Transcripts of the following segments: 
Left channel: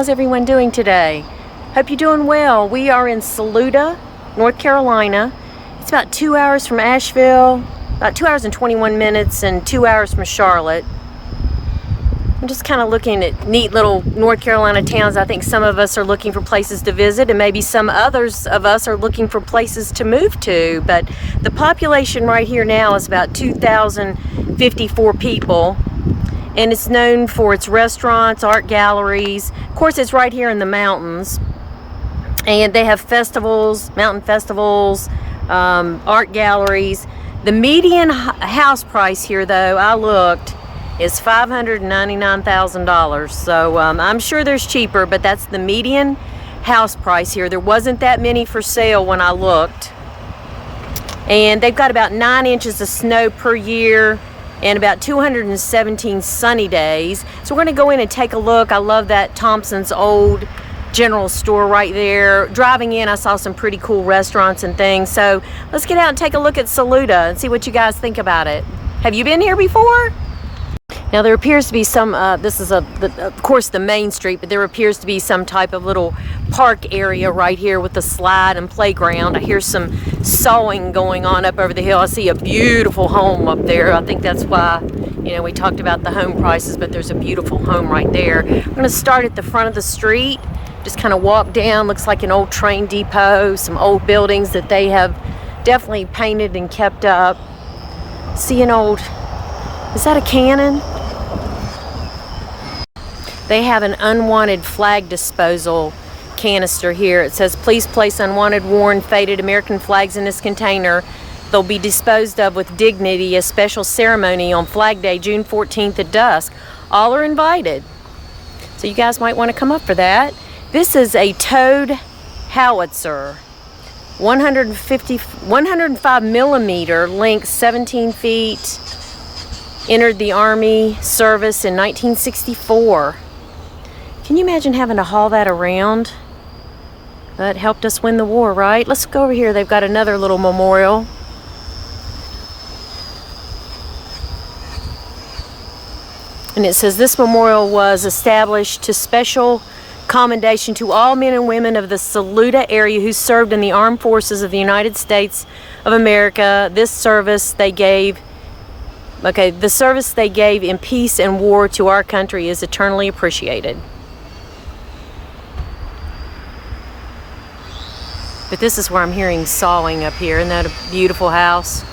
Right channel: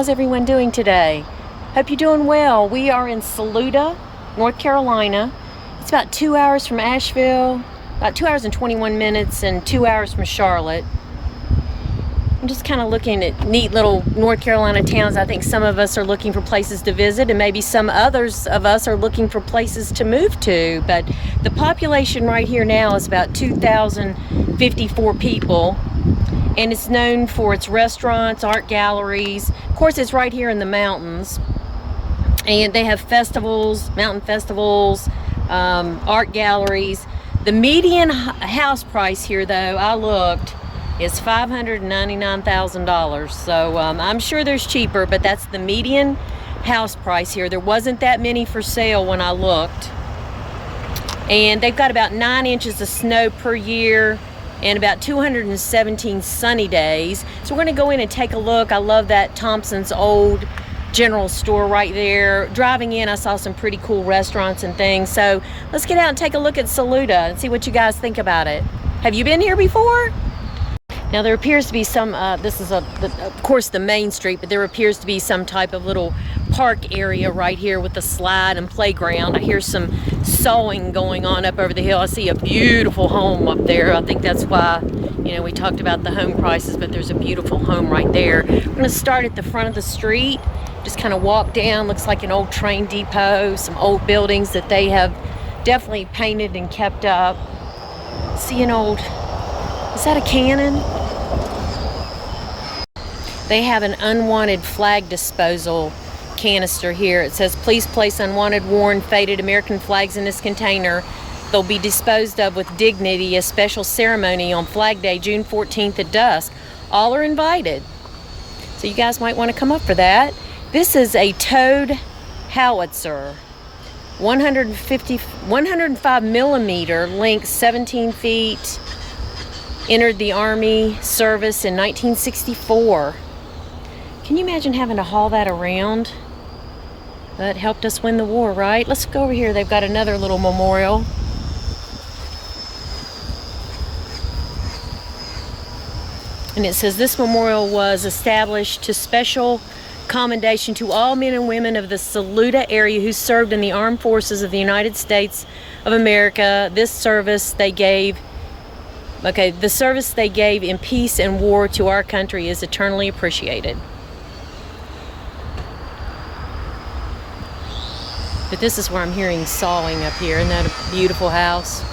how's everyone doing today? Hope you're doing well. We are in Saluda, North Carolina. It's about 2 hours from Asheville, about 2 hours and 21 minutes, and 2 hours from Charlotte. I'm just kind of looking at neat little North Carolina towns. I think some of us are looking for places to visit, and maybe some others of us are looking for places to move to. But the population right here now is about 2,054 people. And it's known for its restaurants, art galleries. Of course, it's right here in the mountains. And they have festivals, mountain festivals, art galleries. The median house price here, though, I looked, is $599,000. So I'm sure there's cheaper, but that's the median house price here. There wasn't that many for sale when I looked. And they've got about 9 inches of snow per year and about 217 sunny days. So we're gonna go in and take a look. I love that Thompson's old general store right there. Driving in, I saw some pretty cool restaurants and things. So let's get out and take a look at Saluda and see what you guys think about it. Have you been here before? Now there appears to be some, this is of course the main street, but there appears to be some type of little park area right here with the slide and playground. I hear some sawing going on up over the hill. I see a beautiful home up there. I think that's why, you know, we talked about the home prices, but there's a beautiful home right there. I'm gonna start at the front of the street, just kind of walk down. Looks like an old train depot, some old buildings that they have definitely painted and kept up. See an old, is that a cannon? They have an unwanted flag disposal canister here. It says, please place unwanted, worn, faded American flags in this container. They'll be disposed of with dignity. A special ceremony on Flag Day, June 14th at dusk. All are invited. So you guys might want to come up for that. This is a towed howitzer. 105 millimeter, length 17 feet. Entered the Army service in 1964. Can you imagine having to haul that around? That helped us win the war, right? Let's go over here. They've got another little memorial. And it says, this memorial was established to special commendation to all men and women of the Saluda area who served in the armed forces of the United States of America. This service they gave, the service they gave in peace and war to our country is eternally appreciated. But this is where I'm hearing sawing up here. Isn't that a beautiful house?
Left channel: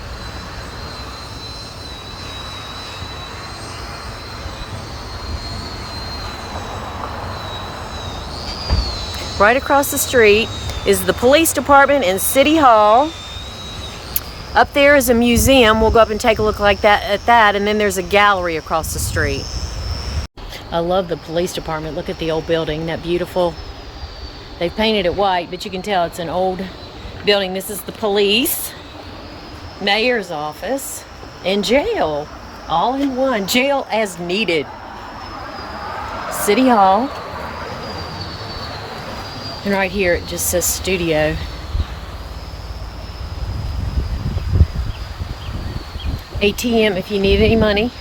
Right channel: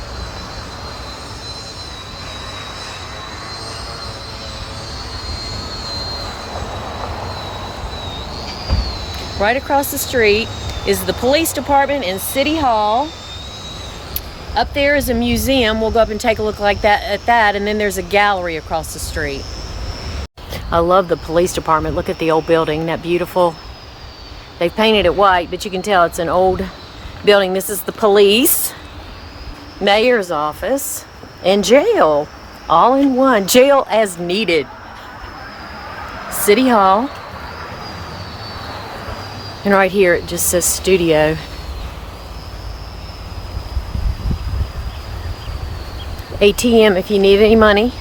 Right across the street is the police department and City Hall. Up there is a museum. We'll go up and take a look at that. And then there's a gallery across the street. I love the police department. Look at the old building. Isn't that beautiful? They've painted it white, but you can tell it's an old building. This is the police, mayor's office, and jail, all in one. Jail as needed. City Hall. And right here it just says studio. ATM if you need any money.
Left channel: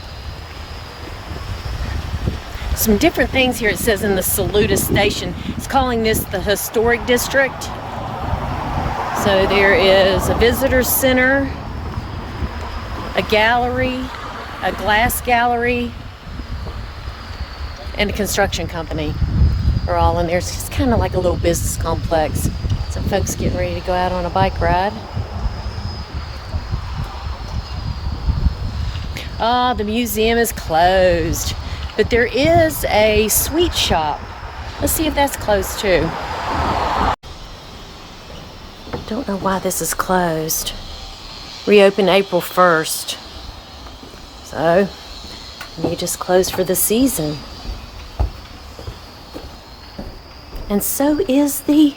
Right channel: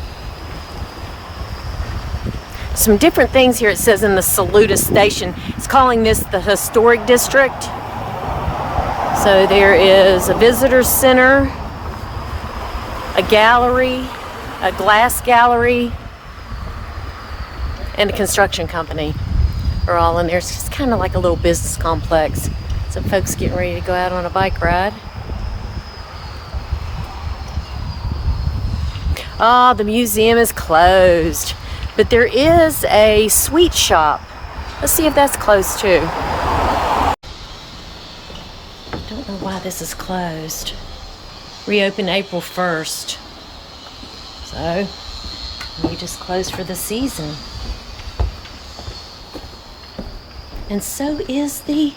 Some different things here it says in the Saluda station. It's calling this the historic district. So there is a visitor center, a gallery, a glass gallery, and a construction company are all in there. It's just kind of like a little business complex. So folks getting ready to go out on a bike ride. Oh, the museum is closed. But there is a sweet shop. Let's see if that's closed too. Don't know why this is closed. Reopened April 1st. So, maybe just closed for the season. And so is the...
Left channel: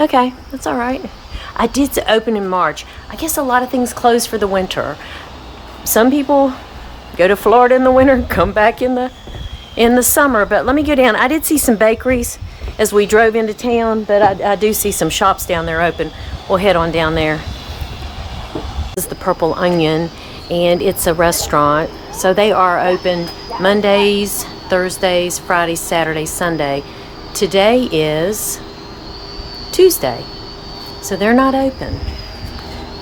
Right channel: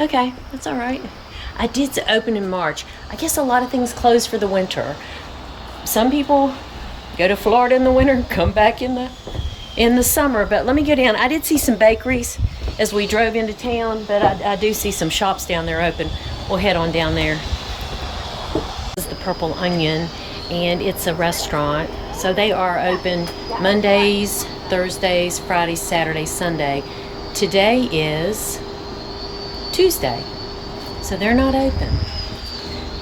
Okay, that's all right. I did open in March. I guess a lot of things close for the winter. Some people go to Florida in the winter, come back in the summer. But let me go down. I did see some bakeries as we drove into town, but I do see some shops down there open. We'll head on down there. This is the Purple Onion, and it's a restaurant. So they are open Mondays Thursdays, Fridays, Saturdays, Sunday. Today is Tuesday, so they're not open.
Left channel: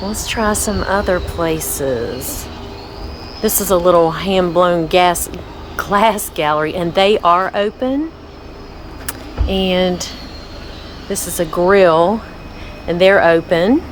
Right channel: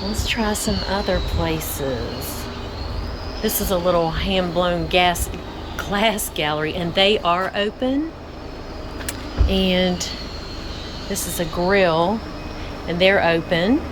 Let's try some other places. This is a little hand-blown glass gallery, and they are open. And this is a grill, and they're open.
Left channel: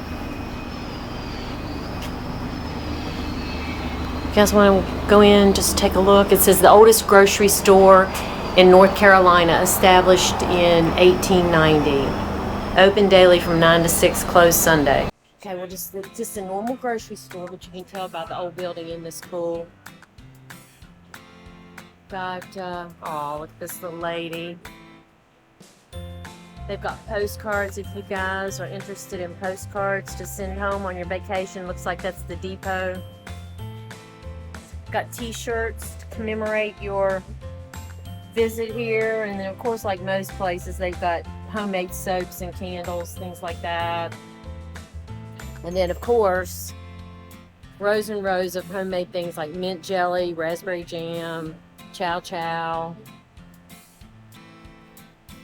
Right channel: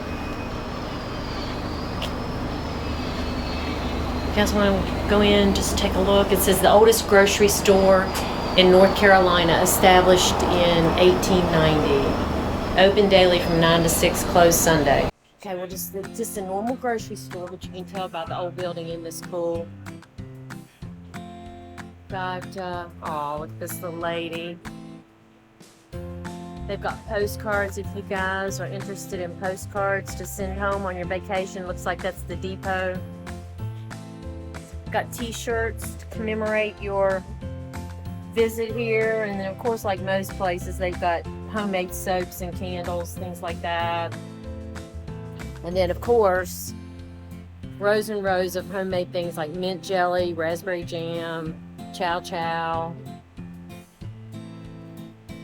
If you guys want to go in, just take a look. It says the oldest grocery store in North Carolina, established in 1890. Open daily from 9 to 6, closed Sunday. Okay, well, just a normal grocery store, but you can tell by the old building in this pool. Got, oh, look at this little lady. They've got postcards if you guys are interested in postcards to send home on your vacation. Looks like that's the depot. Got t-shirts to commemorate your visit here. And then, of course, like most places, they've got homemade soaps and candles, things like that. And then, of course, rows and rows of homemade things like mint jelly, raspberry jam, chow chow,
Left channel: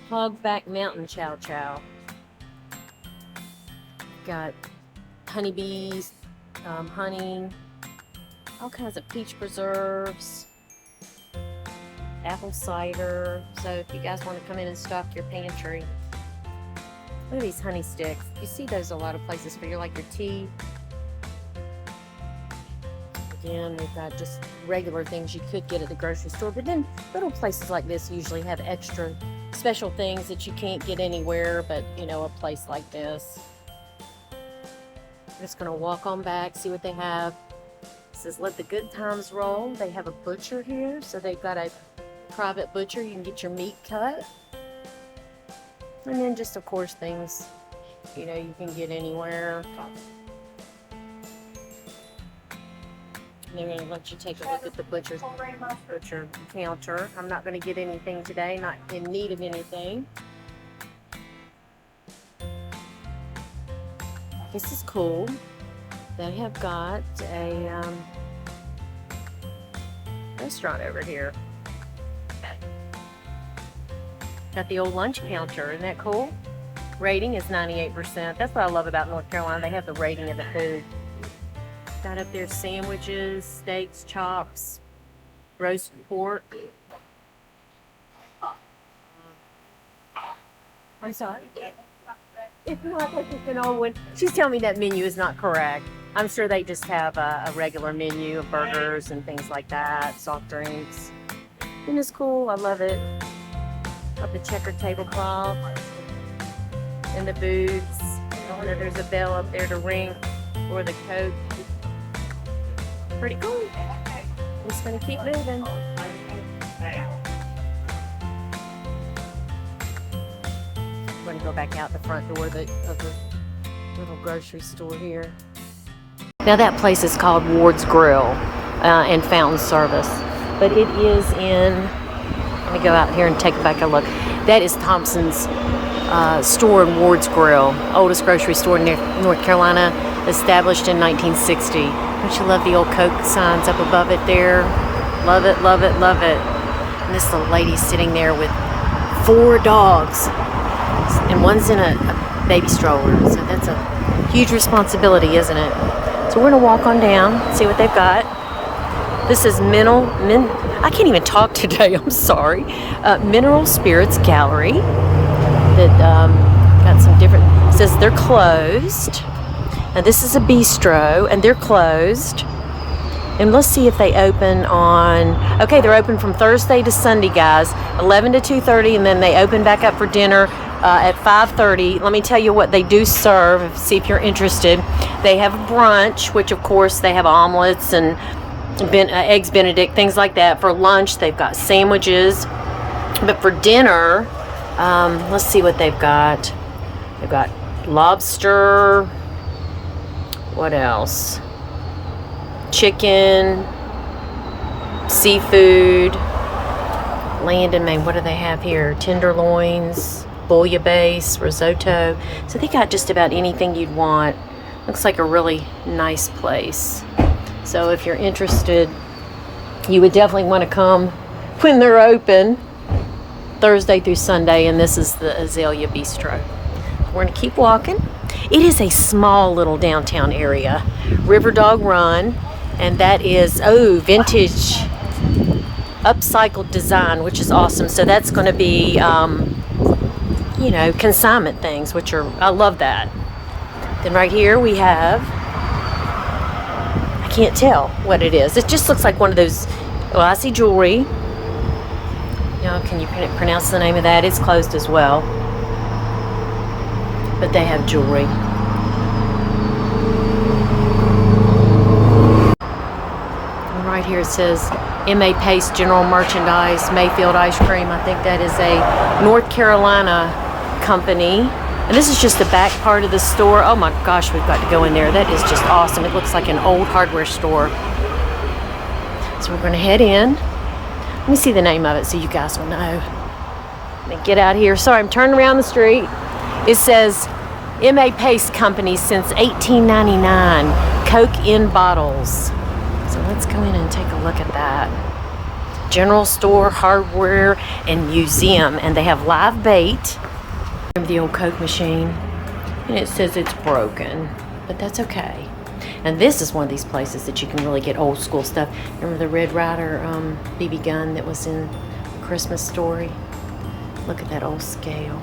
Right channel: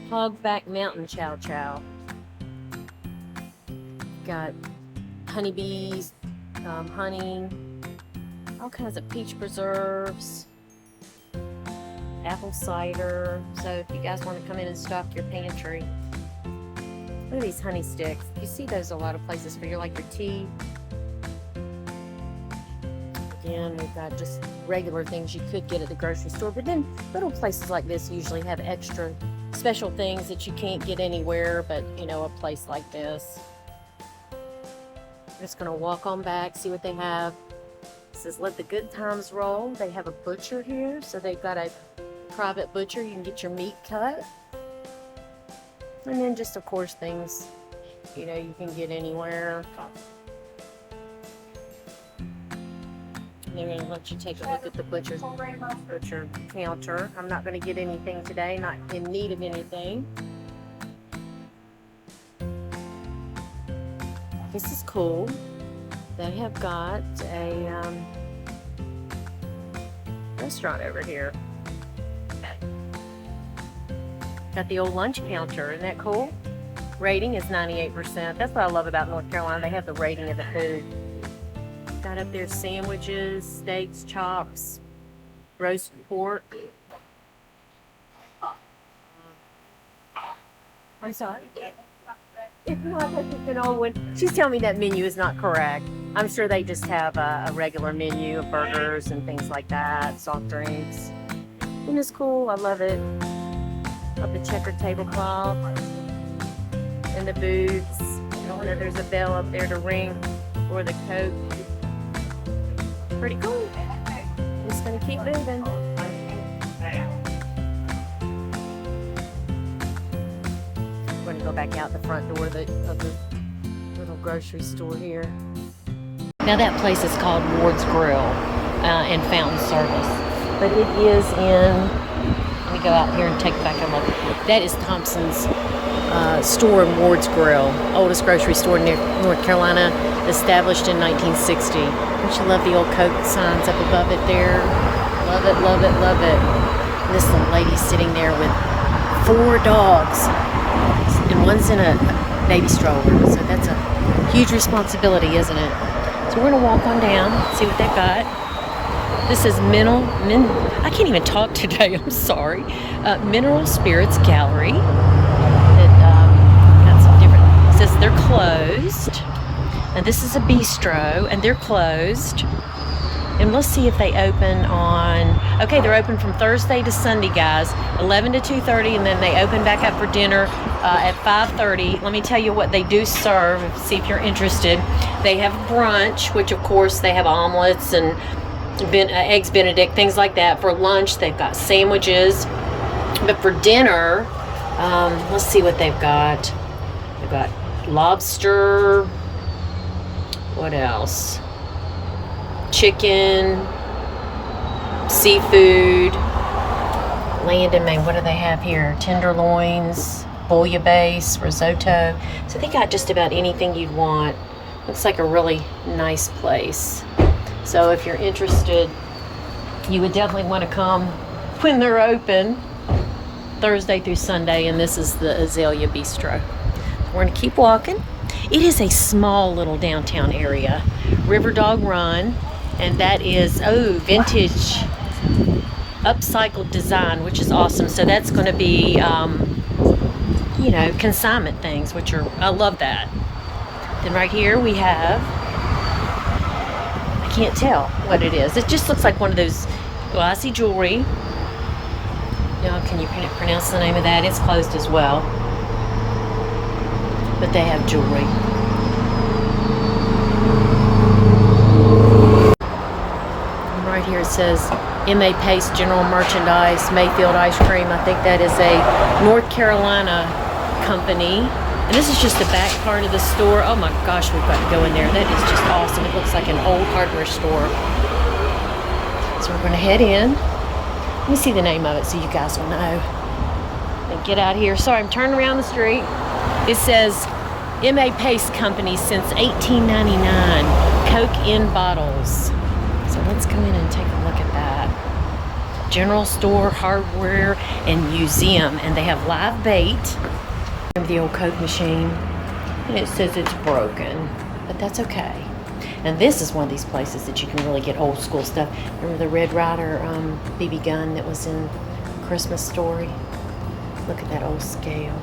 Hogback Mountain chow chow. Got honeybees, honey, all kinds of peach preserves, apple cider. So if you guys want to come in and stock your pantry. Look at these honey sticks. You see those a lot of places for your tea. Again, we've got just regular things you could get at the grocery store, but then little places like this usually have extra special things that you can't get anywhere but, a place like this. I'm just going to walk on back, see what they have. It says, let the good times roll. They have a butcher here, so they've got a private butcher. You can get your meat cut. And then just, of course, things, you can get anywhere. And they're going to let you take a look at the butcher counter. I'm not going to get anything today, not in need of anything. This is cool. They have got a restaurant over here. Got the old lunch counter. Isn't that cool? Rating is 98%. That's what I love about North Carolina. They have the rating of the food. Got up there sandwiches, steaks, chops, roast pork. I'm sorry. She's telling me that menu is not correct. I'm sure they just have a regular menu of burgers and things like that, soft drinks. And it's cool. I love it. Love the checkered tablecloth and the booths. There's a bell up there to ring for the Coke. Pretty cool. I'm just gonna keep moving. I'm gonna go back out the front door of the little grocery store here. Now that place is called Ward's Grill and Fountain Service, but it is in. Let me go out here and take back a look. That is Thompson's store in Ward's Grill, oldest grocery store in North Carolina, established in 1960. Don't you love the old Coke signs up above it there? Love it, love it, love it. And this little lady's sitting there with 4 dogs, and one's in a baby stroller. So that's a huge responsibility, isn't it? So we're gonna walk on down, see what they got. This is I can't even talk today, I'm sorry. Mineral Spirits Gallery. That got some different, it says they're closed. And this is a bistro, and they're closed. And let's see if they open on, okay, they're open from Thursday to Sunday, guys, 11 to 2:30, and then they open back up for dinner at 5:30. Let me tell you what they do serve, see if you're interested. They have a brunch, which of course they have omelets and eggs Benedict, things like that. For lunch, they've got sandwiches. But for dinner, let's see what they've got. They've got lobster. What else? Chicken, seafood, land and main. What do they have here? Tenderloins, bouillabaisse, risotto. So they got just about anything you'd want. Looks like a really nice place. So if you're interested, you would definitely want to come when they're open, Thursday through Sunday, and this is the Azalea Bistro. So we're gonna keep walking. It is a small little downtown area. River Dog Run, and that is, oh, vintage upcycled design, which is awesome. So that's gonna be, you know, consignment things, which are, I love that. Then right here we have, I can't tell what it is. It just looks like one of those, well, I see jewelry. Now, can you pronounce the name of that? It's closed as well. But they have jewelry. And right here it says M.A. Pace General Merchandise, Mayfield Ice Cream. I think that is a North Carolina company. And this is just the back part of the store. Oh my gosh, we've got to go in there. That is just awesome. It looks like an old hardware store. So we're going to head in. Let me see the name of it so you guys will know. Get out of here. Sorry, I'm turning around the street. It says M.A. Pace Company since 1899. Coke in bottles. So let's go in and take a look at that. General store, hardware, and museum. And they have live bait. Remember the old Coke machine? And it says it's broken, but that's okay. And this is one of these places that you can really get old school stuff. Remember the Red Ryder BB gun that was in Christmas Story? Look at that old scale.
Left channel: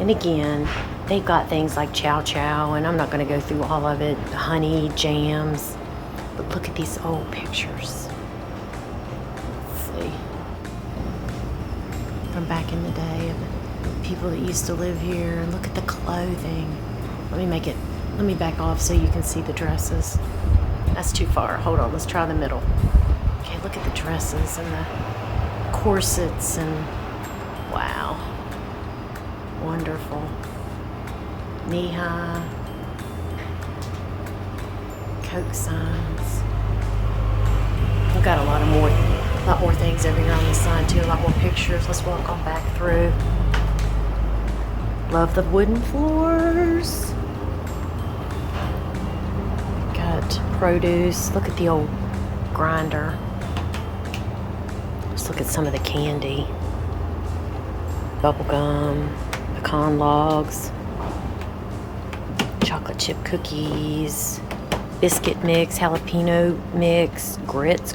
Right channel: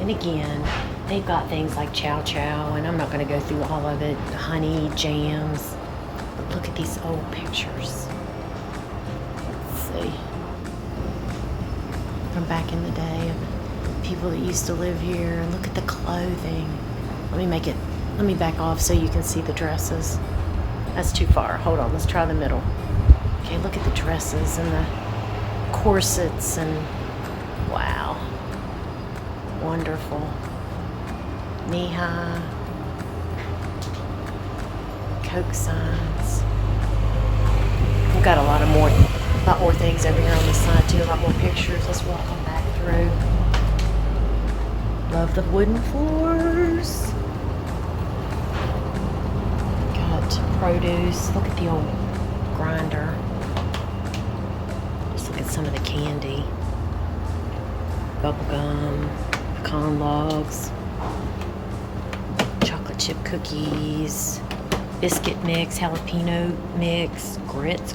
And again, they've got things like Chow Chow, and I'm not going to go through all of it. Honey, jams. But look at these old pictures. Let's see. From back in the day of the people that used to live here. And look at the clothing. Let me back off so you can see the dresses. That's too far. Hold on, let's try the middle. Okay, look at the dresses and the corsets and wow. Wonderful. Knee-high. Coke signs. We've got a lot more things over here on the side too. A lot more pictures. Let's walk on back through. Love the wooden floors. Produce. Look at the old grinder. Just look at some of the candy. Bubble gum, pecan logs, chocolate chip cookies, biscuit mix, jalapeno mix, grits,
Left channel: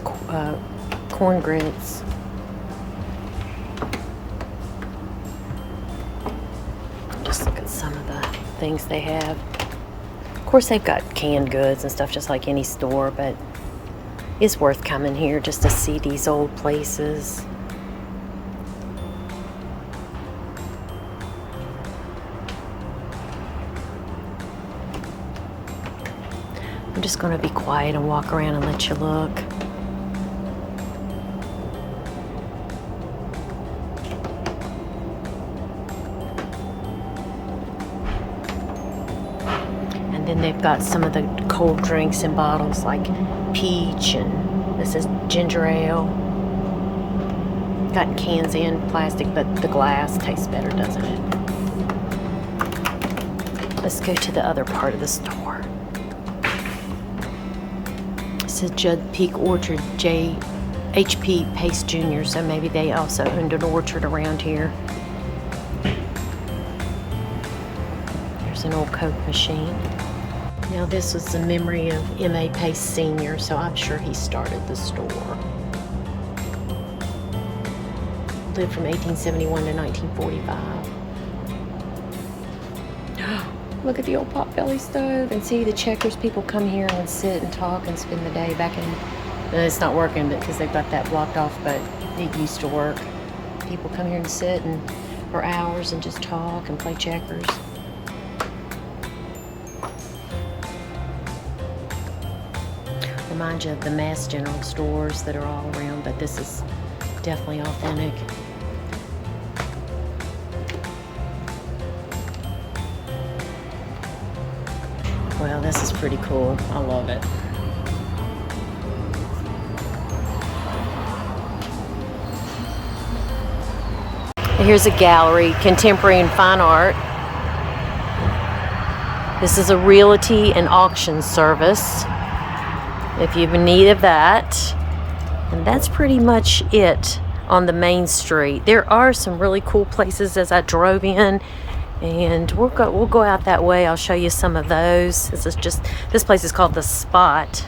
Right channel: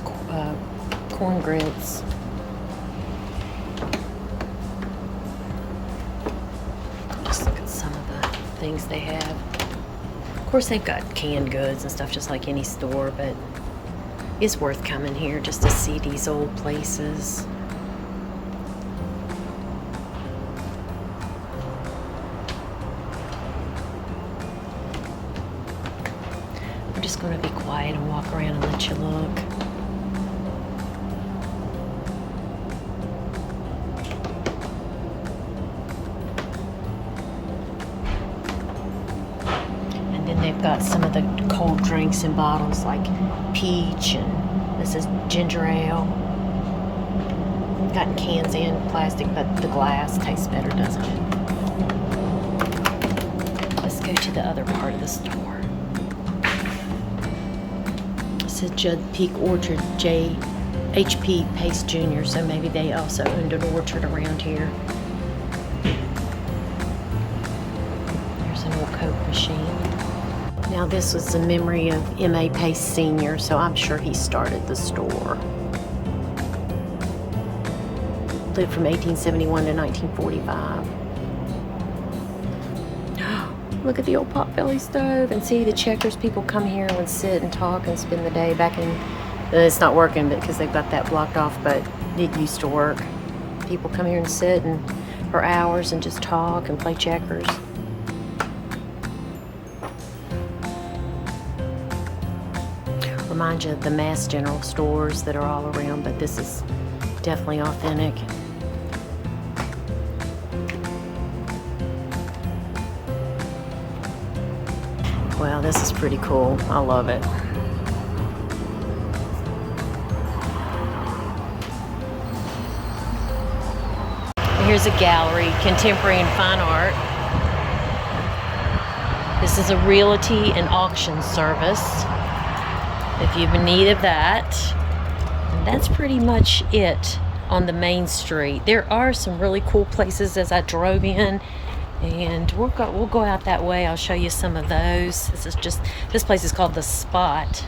corn grits. Just look at some of the things they have. Of course, they've got canned goods and stuff just like any store, but it's worth coming here just to see these old places. I'm just going to be quiet and walk around and let you look. They've got some of the cold drinks in bottles like peach, and this is ginger ale. Got cans and plastic, but the glass tastes better, doesn't it? Let's go to the other part of the store. This is Judd Peak Orchard, H.P. Pace Jr., so maybe they also owned an orchard around here. There's an old Coke machine. Now this was the memory of M.A. Pace Sr., so I'm sure he started the store. Lived from 1871 to 1945. Look at the old potbelly stove, and see the Checkers people come here and would sit and talk and spend the day back in, it's not working because they've got that blocked off, but it used to work. People come here and sit and for hours and just talk and play checkers. Remind you of the mass general stores that are all around, but this is definitely authentic. Well, this is pretty cool. I love it. Here's a gallery, contemporary and fine art. This is a realty and auction service. If you have a need of that, And that's pretty much it on the main street. There are some really cool places as I drove in, and we'll go out that way. I'll show you some of those. This place is called The Spot.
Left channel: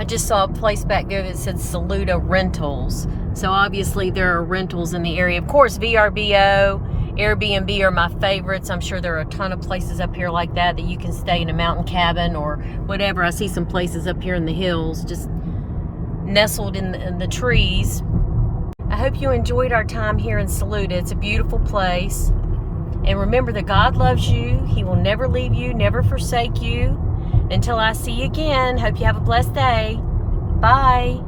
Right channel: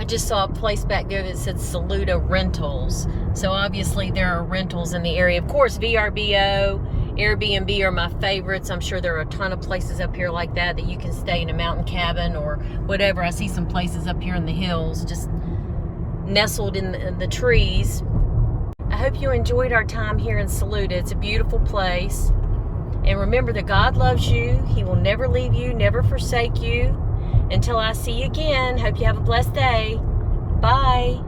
I just saw a place back there that said Saluda Rentals. So obviously there are rentals in the area. Of course, VRBO, Airbnb are my favorites. I'm sure there are a ton of places up here like that you can stay in a mountain cabin or whatever. I see some places up here in the hills, just nestled in the trees. I hope you enjoyed our time here in Saluda. It's a beautiful place. And remember that God loves you. He will never leave you, never forsake you. Until I see you again, hope you have a blessed day. Bye.